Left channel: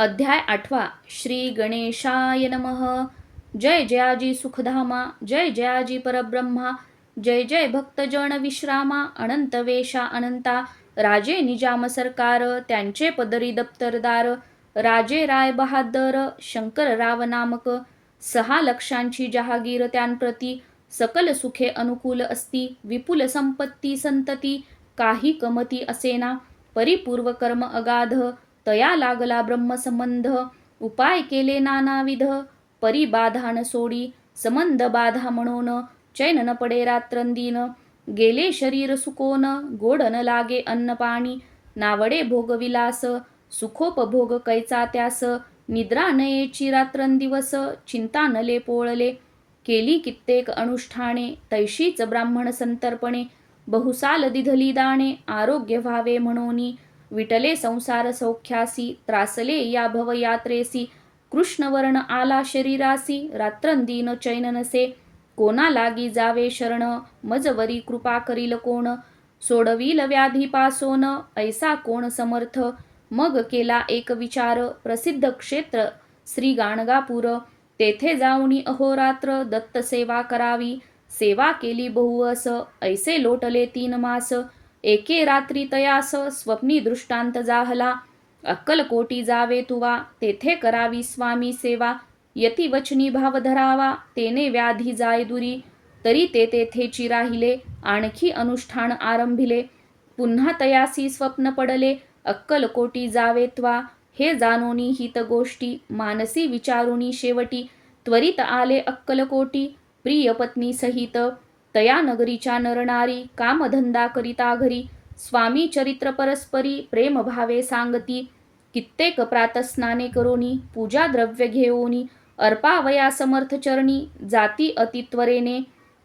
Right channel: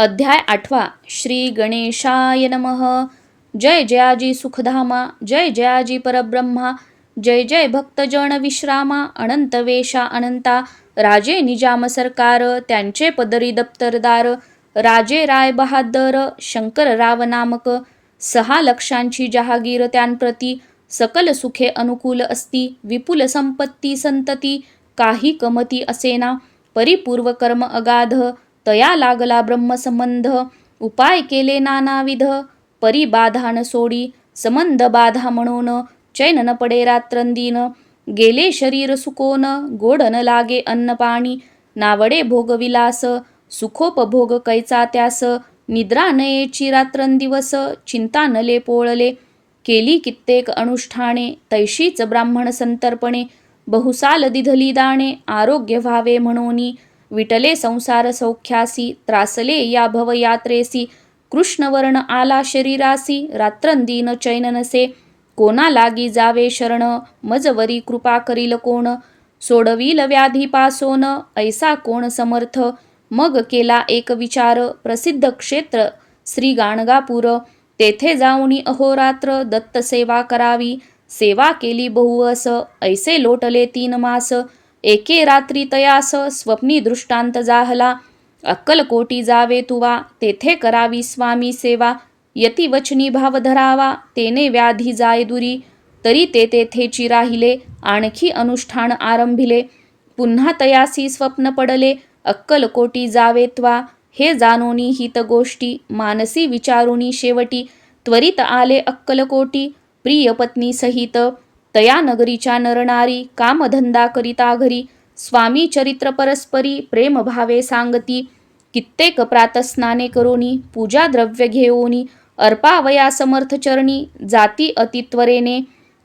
अध्याय 8 श्री गणेशाय नमः. जय जयाजी सुखधामा, जय जयाजी परब्रह्मा, जय जय भक्तजन विश्रामा. अनंत वेशा अनंता, राजे निजाम सरकार, त्यांचे पदरी दप्तरदार. राजे राय बहादर, शंकर राव नामक. 6 लक्षांची जहागीर त्यांप्रती, सकल सुखे अनुकूल असती. विपुल संपत्ती संतती, काही कमती असेना. परिपूर्व कर्म अगाध, तया लागला ब्रह्मसंबंध. उपाय केले नानाविध, परिबाधा सोडी. संबंध बाधा म्हणून, चैन न पडे रात्रंदीन. गेले शरीर सुकोन, गोड न लागे अन्न पाणी. नावडे भोगविलास, सुखोपभोग कैचा त्यास. निद्रा नयेची रात्रंदिवस, चिंता नले पोळले. केली कित्येक अनुष्ठाने, तैशीच ब्राह्मण संतर्पणे. बहुसाल दिधली दाणे, आरोग्य व्हावे म्हणूनी. विटले संसार सौख्यासी, त्रासले या भवयात्रेसी. कृष्णवर्ण आला शरीरासी, रात्रंदीन चैन नसे. कोणा लागी जावे शरण, मजवरी कृपा करील कोण. सोडविल व्याधी पासोन, ऐसा कोण समर्थ. मग केला एक विचार, प्रसिद्ध क्षेत्र श्री गाणगापूर. तेथे जाऊनी अहोरात्र, दत्त सेवा करावी. सेवा केली बहुवस, ऐसे लोटले 3 मास. एके रात्री तयास, स्वप्नी दृष्टांत जाहला. अक्कलकोटी जावे तुवा, तेथे करावी स्वामी सेवा. यती वचनी भाव धरावा, तेने व्याधी जाय दुरी. तरी ते तेथेची राहिले, आणखी अनुष्ठान आरंभिले. पुन्हा तयासी स्वप्न पडले, अक्कलकोटी जावे त्वा. हे जाणोनी हित गोष्टी, मानसी विचारुनी शेवटी. त्वरित आले अक्कलकोटी, प्रिय पत्नी सहित. तया नगरीच्या नरनारी, कामधंदा करिता घरी. स्वामी चरित्र परस्परी, प्रेम भावे सांगती. कित्येक प्रातस्नाने करोनी, पूजा द्रव्य घेऊनी. अर्पावया समर्थ चरणी, जाती अतित्वरेने.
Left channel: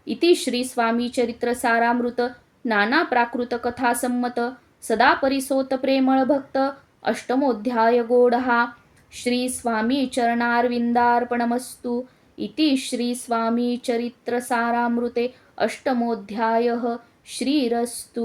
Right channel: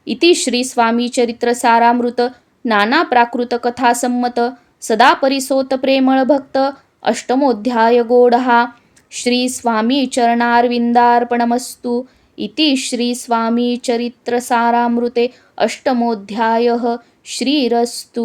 इति श्री स्वामी चरित्र सारामृत. नाना प्राकृत कथा संमत, सदा परिसोत प्रेमळ भक्त. अष्टमोध्याय गोडहा. श्री स्वामी चरणारविंदार्पणमस्तु. इति श्री स्वामी चरित्र सारामृते अष्टमोध्यायः. श्रीरस्तु.